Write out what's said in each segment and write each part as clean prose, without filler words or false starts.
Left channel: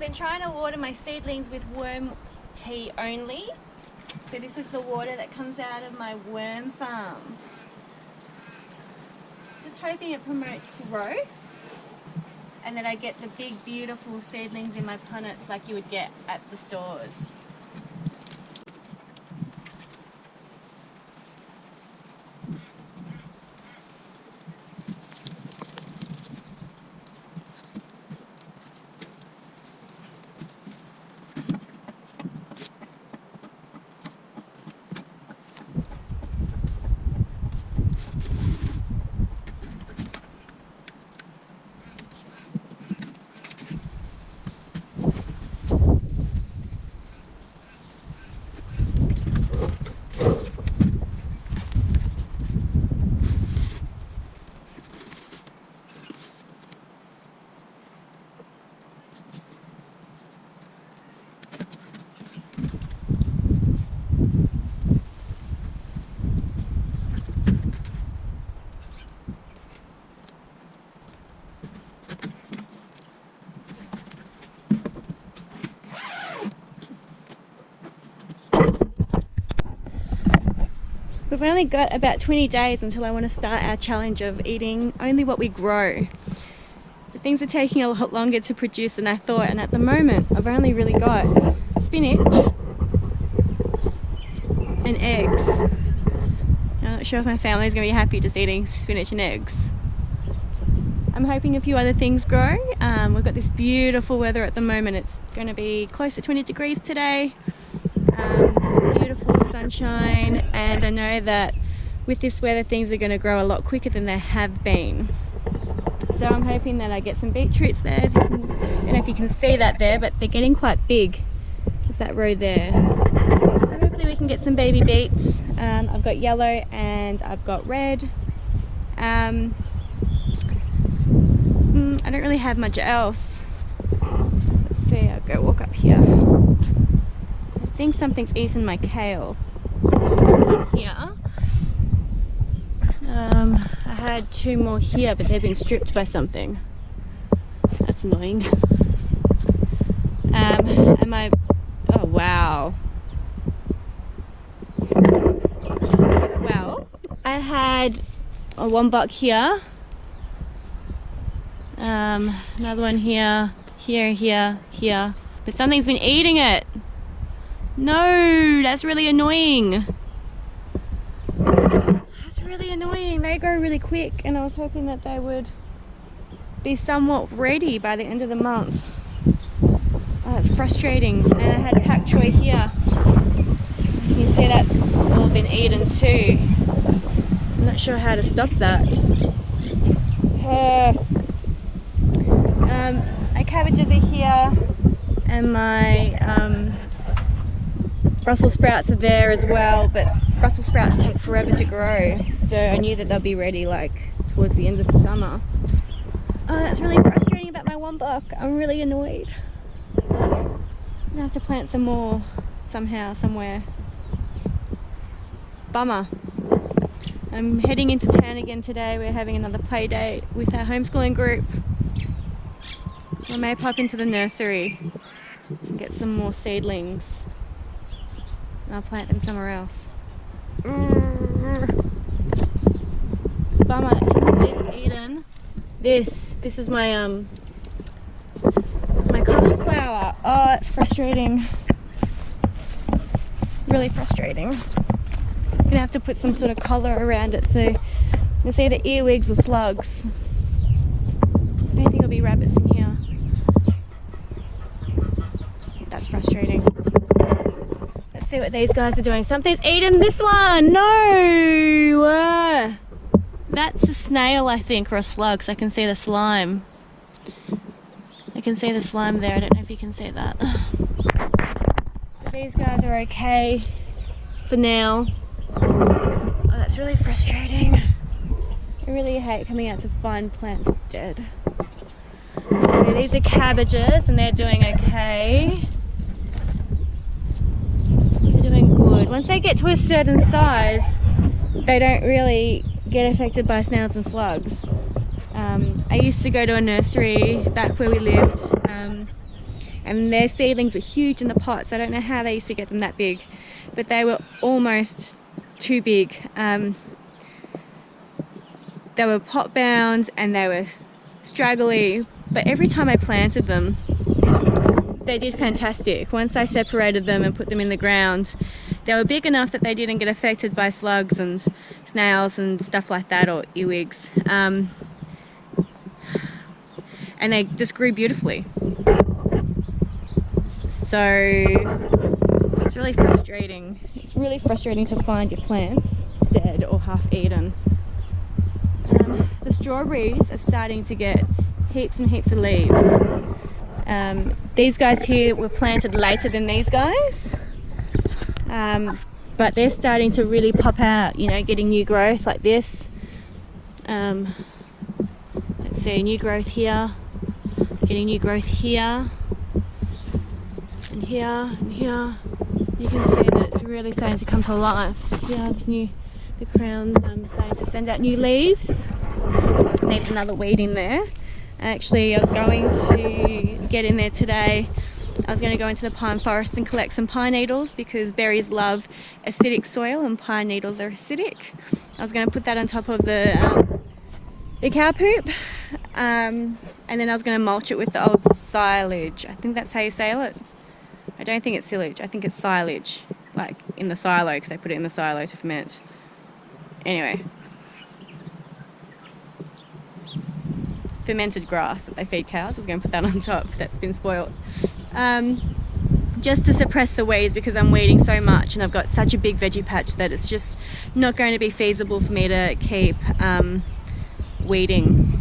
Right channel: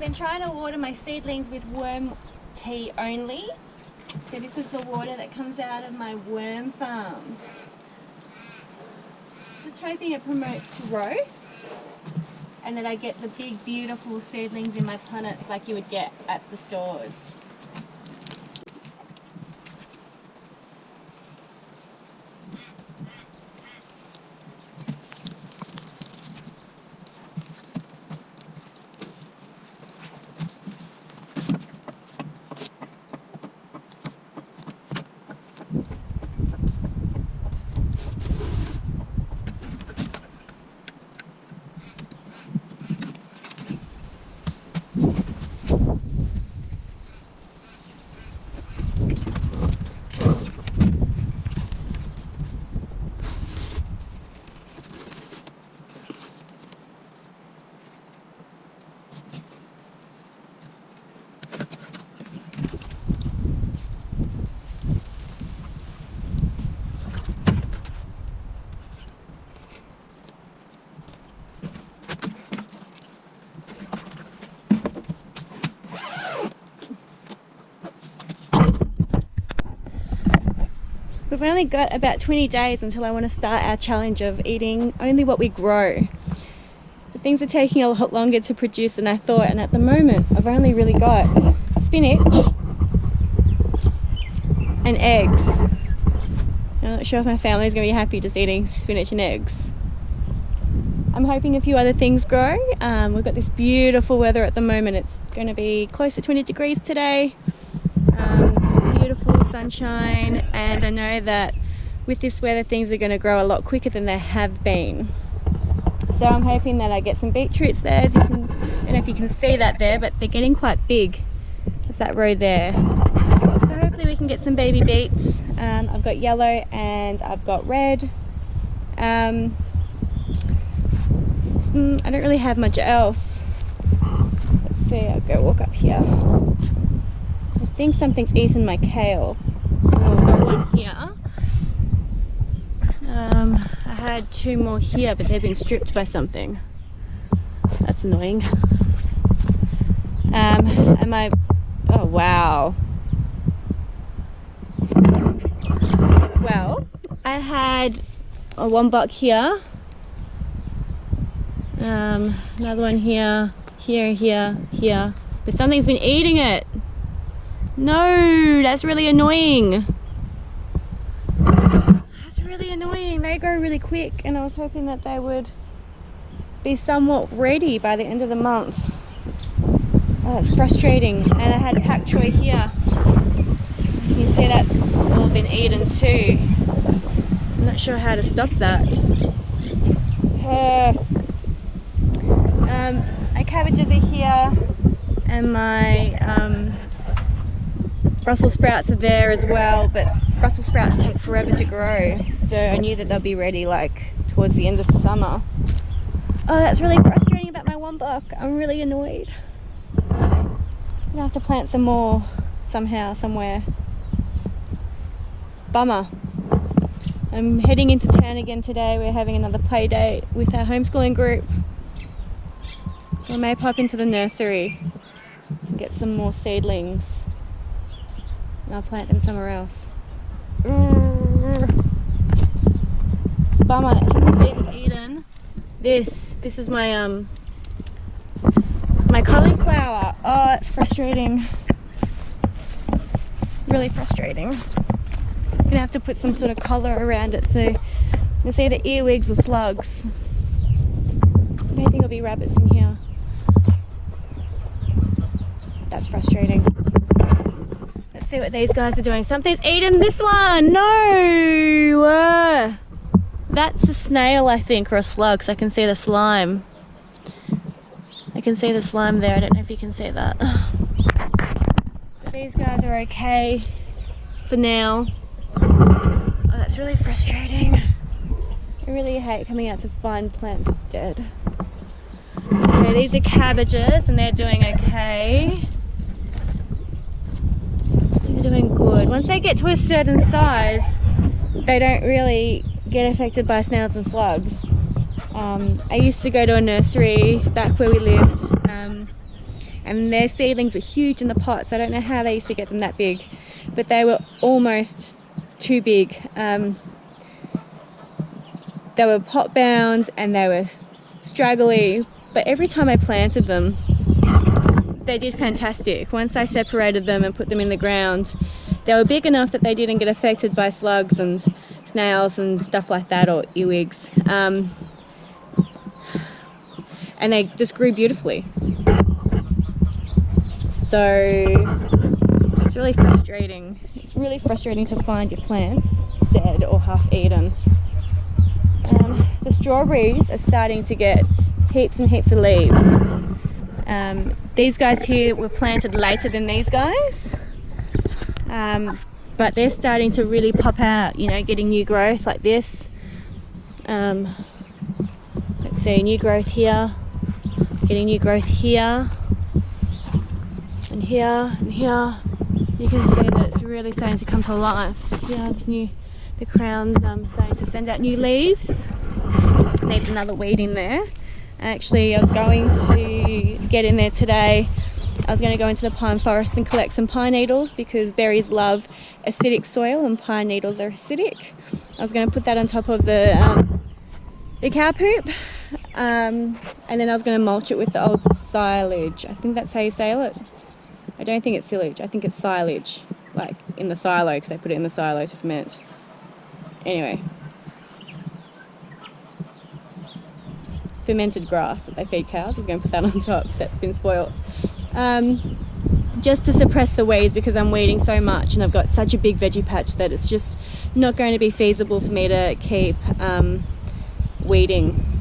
been trying to water my seedlings with worm tea only. So this is the water that comes out of my worm farm. Just hoping it promotes growth and that I get the big beautiful seedlings in my punnets like you would get at the stores. We've only got about 20 days until I want to start our challenge of eating only what we grow. But things are taking a lot longer to produce than I thought, and at the moment I've only really got spinach and eggs. I'm not sure if my family's going to be happy just eating spinach and eggs. I'm hoping a few other things grow. We've got this beautiful weather at the moment. It's going to be close to 20 degrees today. Beautiful sunshine, and I know that with this weather things are going to grow a lot quicker than they have been. So I'm hoping that I get some beetroots there. As you can, I don't know if you can see that there, but they're getting quite big. There's that row there. So hopefully we can get some baby beets. I've got yellow and I've got red. I don't really have much else. Let's see, I'll go walk up here. I think something's eaten my kale. Oh, I've got one here. I had two more here, but they've been stripped by something. That's annoying. Oh wow. Well, I had a wombat here. Another one here, here. But something's been eating it. No, that's really annoying. That's really annoying. They grow really quick, and I was hoping that they would be somewhat ready by the end of the month. Oh, that's frustrating. And I had pak choy here. You can see that's all been eaten too. I'm not sure how to stop that. My cabbages are here, and my Brussels sprouts are there as well, but Brussels sprouts take forever to grow, so I knew that they'll be ready like towards the end of the summer. Oh, that's really frustrating about my wombuck. I'm really annoyed. I'm gonna have to plant some more somehow, somewhere. Bummer. I'm heading into town again today. We're having another play date with our homeschooling group, so I may pop into the nursery and get some more seedlings. And I'll plant them somewhere else. Bummer, something's even eaten. This is my my cauliflower. Oh, it's frustrating. Really frustrating. I'm gonna have to put some sort of collar around it so it's either earwigs or slugs. I don't think there'll be rabbits in here. That's frustrating. Let's see what these guys are doing. Something's eaten this one. No! That's a snail, I think, or a slug, so I can see the slime. I can see the slime there. I don't know if you can see that. But these guys are okay for now. Oh, that's really frustrating. I really hate coming out to find plants dead. Okay, these are cabbages and they're doing okay. They're doing good. Once they get to a certain size, they don't really get affected by snails and slugs. I used to go to a nursery back where we lived and their seedlings were huge in the pots. I don't know how they used to get them that big, but they were almost too big. They were pot bound and they were straggly, but every time I planted them, they did fantastic. Once I separated them and put them in the ground, they were big enough that they didn't get affected by slugs and snails and stuff like that, or earwigs. And they just grew beautifully. So it's really frustrating. It's really frustrating to find your plants dead or half eaten. The strawberries are starting to get heaps and heaps of leaves. These guys here were planted later than these guys, but they're starting to really pop out, you know, getting new growth like this. Let's see, new growth here, they're getting new growth here, and here, and here. You can see that it's really starting to come to life. Yeah, the crown's starting to send out new leaves. Needs another weed in there. Actually, I was going to get in there today. I was going to go into the pine forest and collect some pine needles because berries love acidic soil and pine needles are acidic. I was going to put that on top of the cow poop, and then I was going to mulch it with the old silage. I think that's how you say it. I don't think it's silage. I think it's silage, like in the silo, because they put it in the silo to ferment. Anyway. Fermented grass that they feed cows. I was going to put that on top. That's been spoiled. Just to suppress the weeds, because I'm weeding so much and I've got such a big veggie patch that it's just not going to be feasible for me to keep weeding.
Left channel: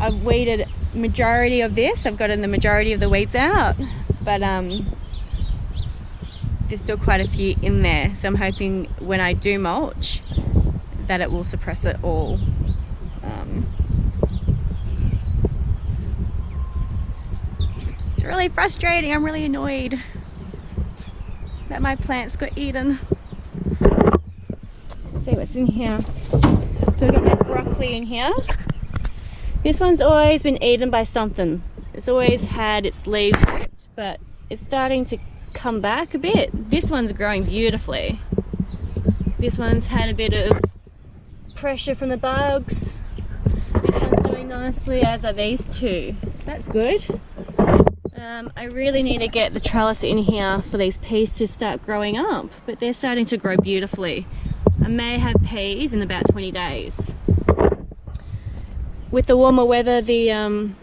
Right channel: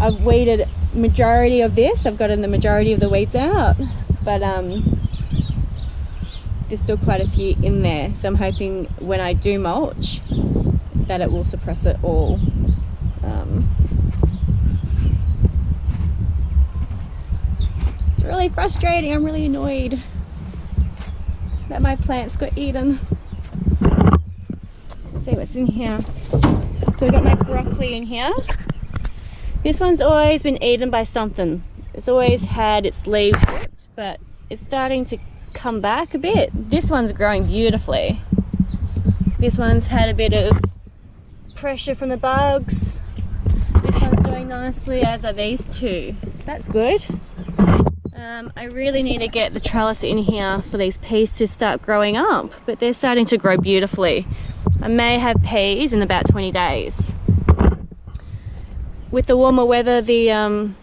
I've weeded majority of this. I've gotten the majority of the weeds out, but there's still quite a few in there. So I'm hoping when I do mulch that it will suppress it all. It's really frustrating. I'm really annoyed that my plants got eaten. Let's see what's in here. So I've got my broccoli in here. This one's always been eaten by something. It's always had its leaves ripped, but it's starting to come back a bit. This one's growing beautifully. This one's had a bit of pressure from the bugs. This one's doing nicely, as are these two. So that's good. I really need to get the trellis in here for these peas to start growing up, but they're starting to grow beautifully. I may have peas in about 20 days. With the warmer weather, the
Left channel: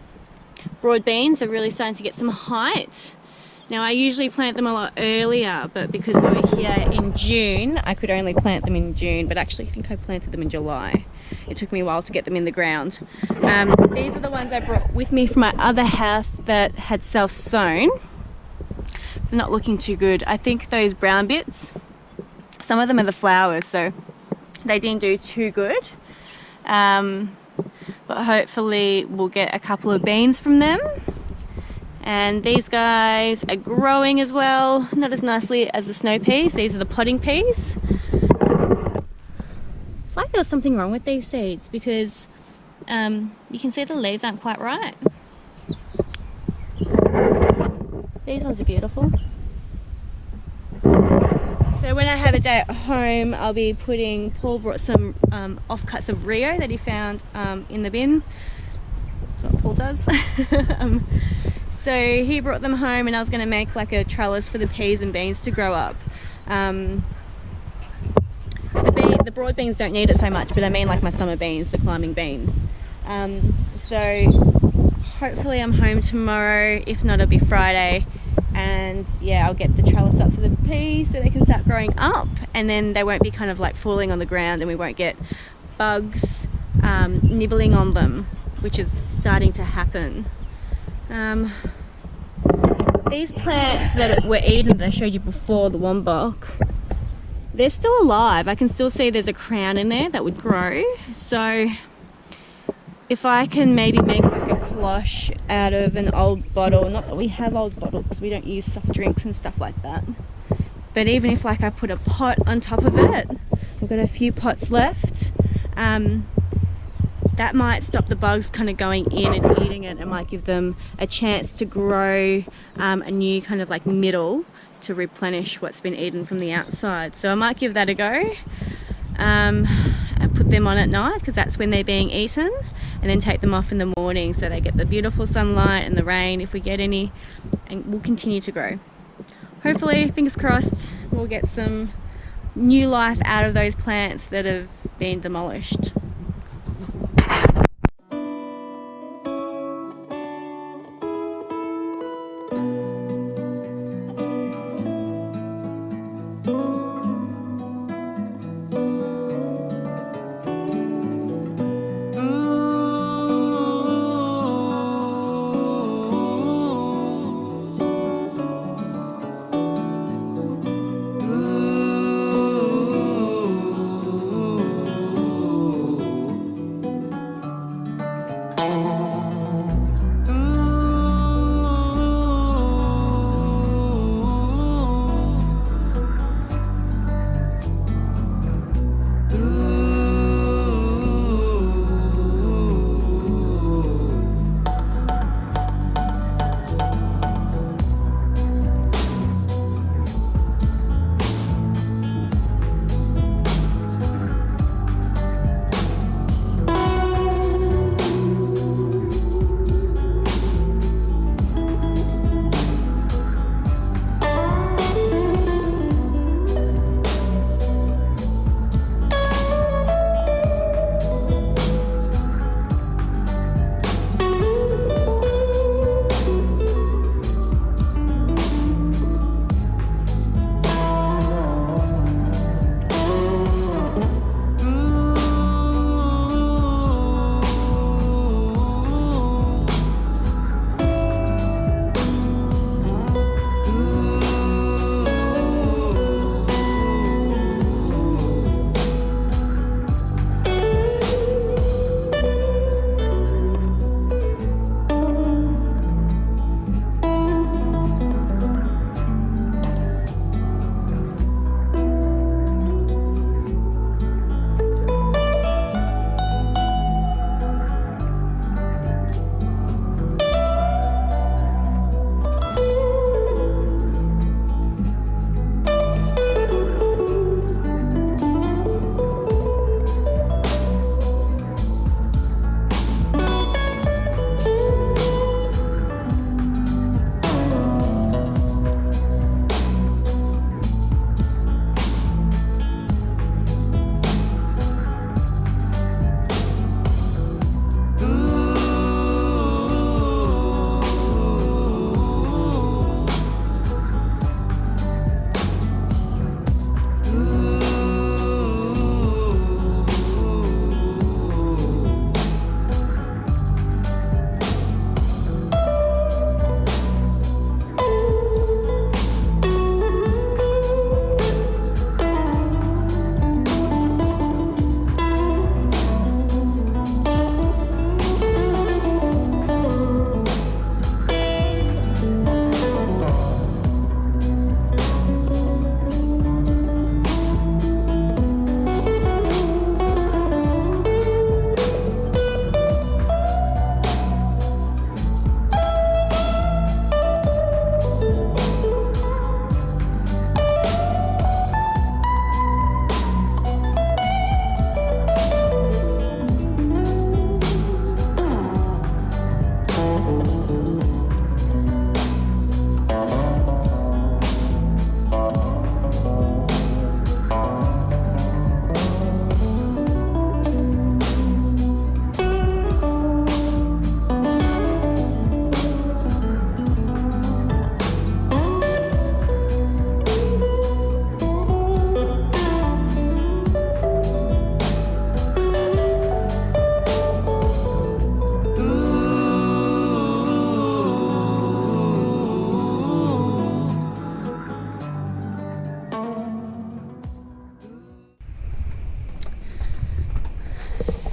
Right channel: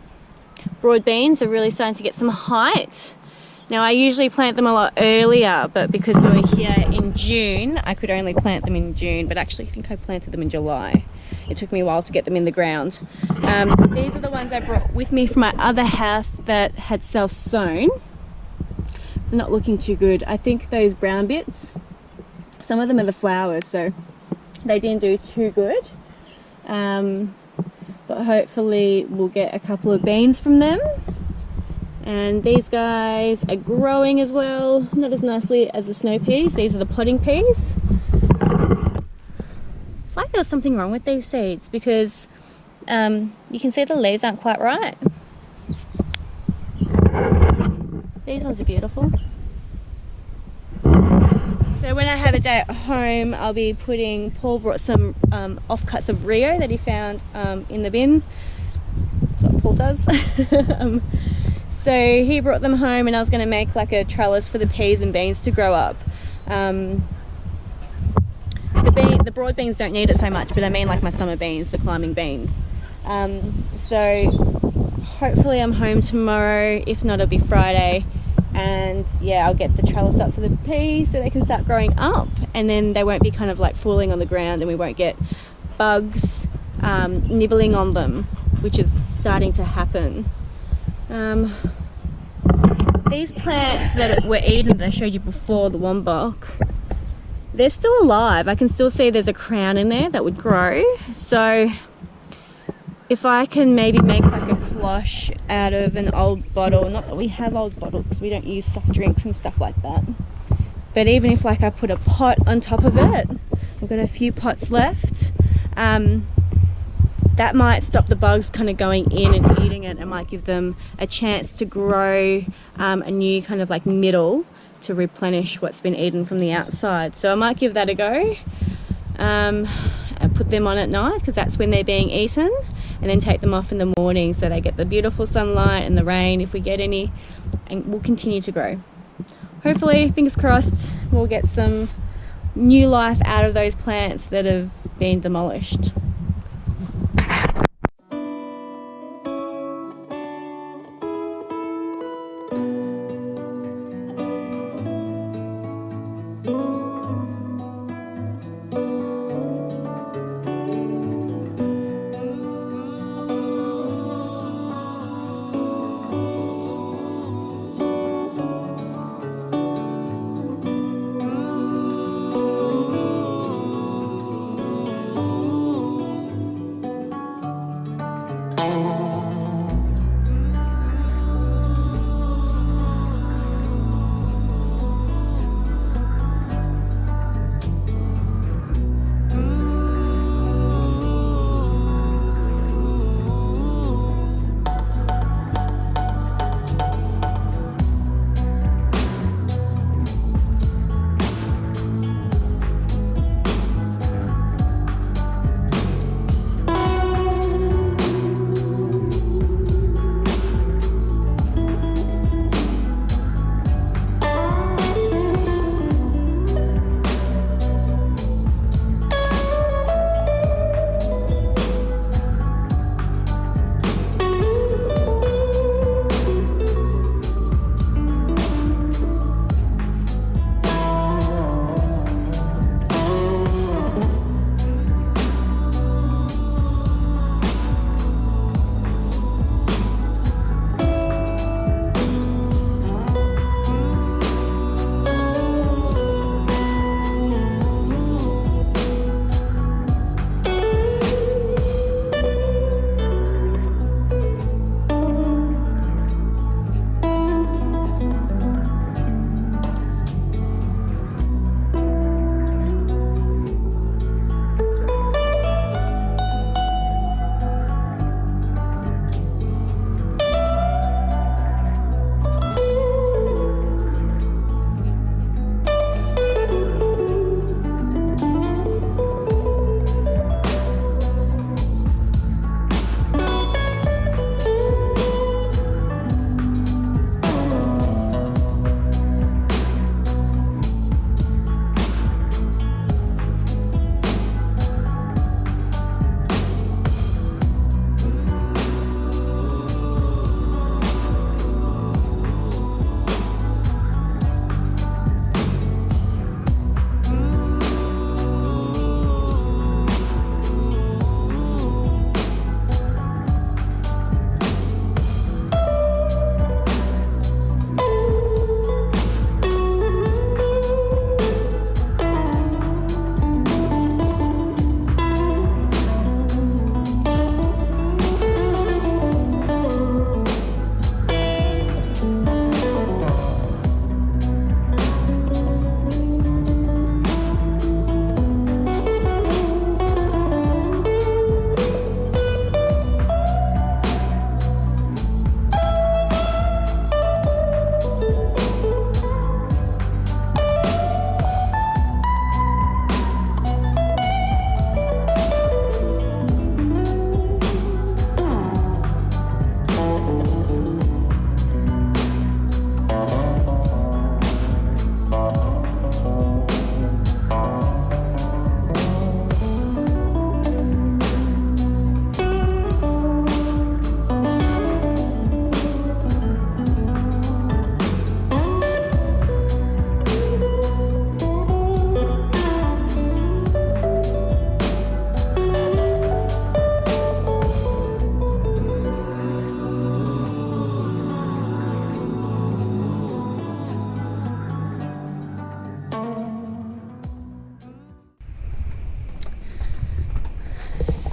broad beans are really starting to get some height. Now, I usually plant them a lot earlier, but because we were here in June, I could only plant them in June, but actually I think I planted them in July. It took me a while to get them in the ground. These are the ones I brought with me from my other house that had self-sown. They're not looking too good. I think those brown bits, some of them are the flowers, so they didn't do too good. But hopefully we'll get a couple of beans from them. And these guys are growing as well, not as nicely as the snow peas. These are the potting peas. It's like there's something wrong with these seeds because you can see the leaves aren't quite right. These ones are beautiful. So when I have a day at home, I'll be Paul brought some offcuts of Rio that he found in the bin. That's what Paul does. So he brought them home and I was going to make like a trellis for the peas and beans to grow up. The broad beans don't need it so much, but I mean like my summer beans, the climbing beans. So hopefully I'm home tomorrow, if not it'll be Friday. And yeah, I'll get the trellis up for the peas so they can start growing up, and then they won't be kind of like falling on the ground and we won't get bugs nibbling on them, which is starting to happen. These plants that were eaten that I showed you before, the wombok, they're still alive. I can still see there's a crown in there that would grow. So if I can maybe make like a cloche out of an old bottle, not that we have old bottles because we don't use soft drinks and stuff like that, but even if like I put a pot on top of it, I've got a few pots left, that might stop the bugs kind of going in and eating it. It might give them a chance to grow a new kind of like middle to replenish what's been eaten from the outside. So I might give that a go, and put them on at night because that's when they're being eaten, and then take them off in the morning so they get the beautiful sunlight and the rain if we get any, and we'll continue to grow. Hopefully, fingers crossed, we'll get some new life out of those plants that have been demolished.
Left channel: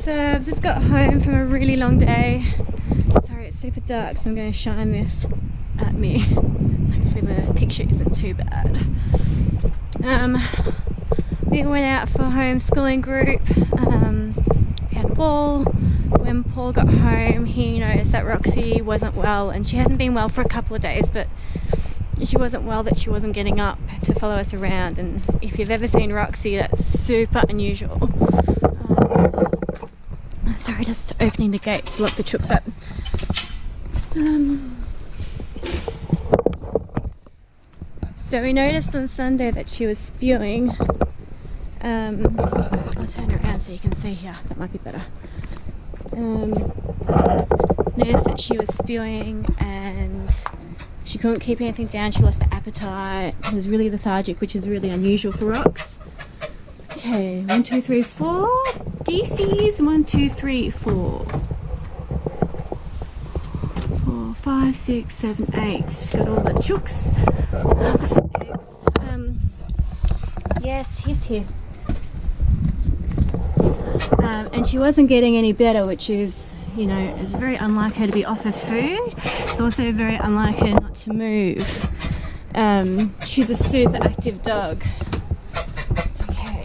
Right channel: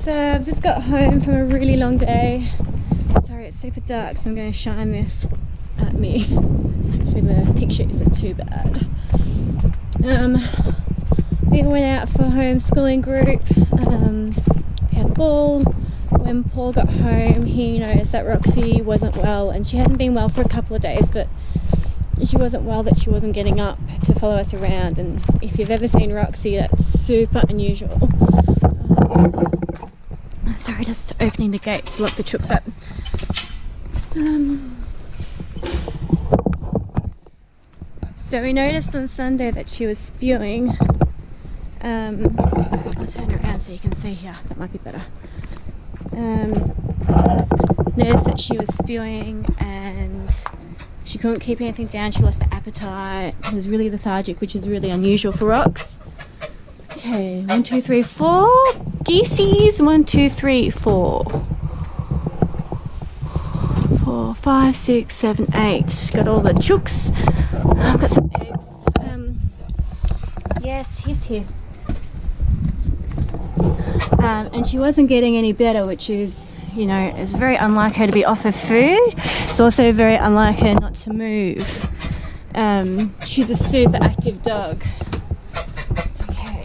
So I've just got home from a really long day. Sorry, it's super dark, so I'm going to shine this at me. Hopefully the picture isn't too bad. We went out for homeschooling group. We had a ball. when Paul got home, he noticed that Roxy wasn't well, and she hadn't been well for a couple of days, but she wasn't well that she wasn't getting up to follow us around. And if you've ever seen Roxy, that's super unusual. Sorry, just opening the gate to lock the chooks up. So we noticed on Sunday that she was spewing. I'll turn her around so you can see here. That might be better. Noticed that she was spewing and she couldn't keep anything down. She lost her appetite. It was really lethargic, which is really unusual for Rox. Okay, 1, 2, 3, 4. Geesies. 1, 2, 3, 4. 4, 5, 6, 7, 8. Got all the chooks. I've got some eggs. Yes. And she wasn't getting any better, which is, you know, it's very unlike her to be off her food. It's also very unlike her not to move. She's a super active dog. Okay.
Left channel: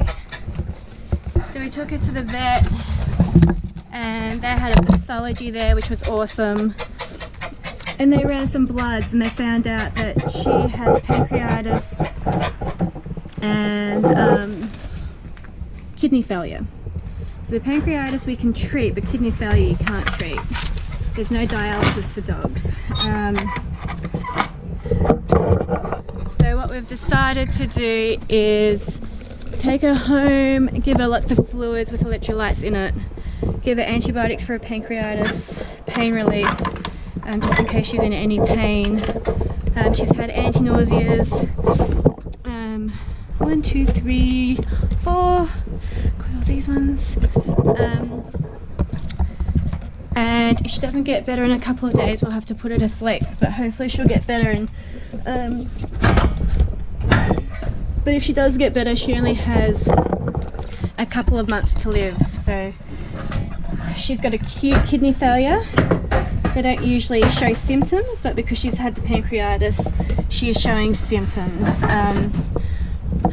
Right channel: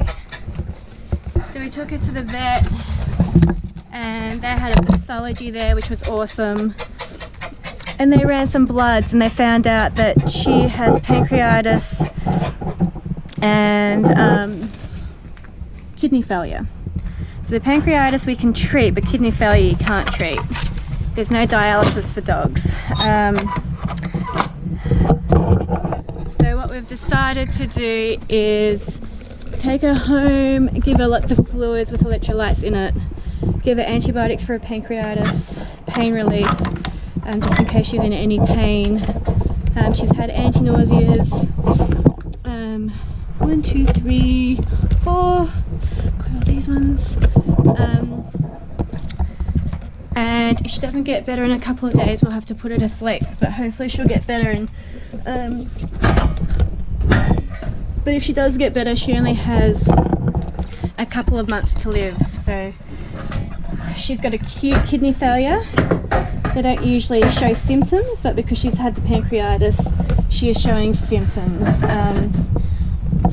So we took her to the vet and they had a pathology there, which was awesome. And they ran some bloods and they found out that she has pancreatitis and kidney failure. So the pancreatitis we can treat, but kidney failure you can't treat. There's no dialysis for dogs. So what we've decided to do is take her home, give her lots of fluids with electrolytes in it, give her antibiotics for her pancreatitis, pain relief, just in case she's in any pain. She's had anti-nauseas. 1, 2, 3, 4. Got all these ones. And if she doesn't get better in a couple of days, we'll have to put her to sleep. But hopefully she'll get better. And but if she does get better, she only has a couple of months to live. So she's got acute kidney failure. They don't usually show symptoms, but because she's had the pancreatitis, she is showing symptoms.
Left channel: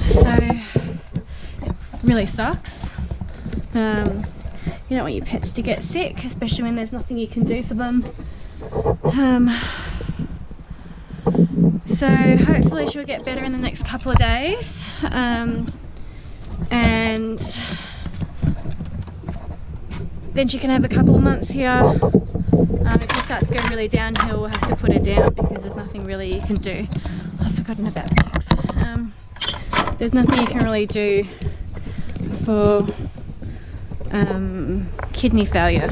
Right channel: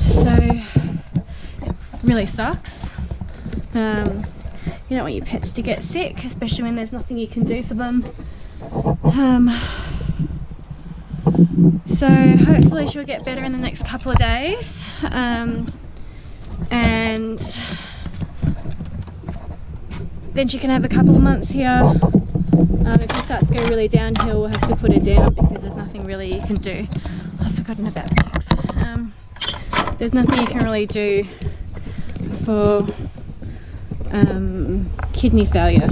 So it really sucks. You don't want your pets to get sick, especially when there's nothing you can do for them. So hopefully she'll get better in the next couple of days. And then she can have a couple of months here. If it starts to go really downhill, we'll have to put her down because there's nothing really you can do. I've forgotten about the chicks. There's nothing you can really do for kidney failure.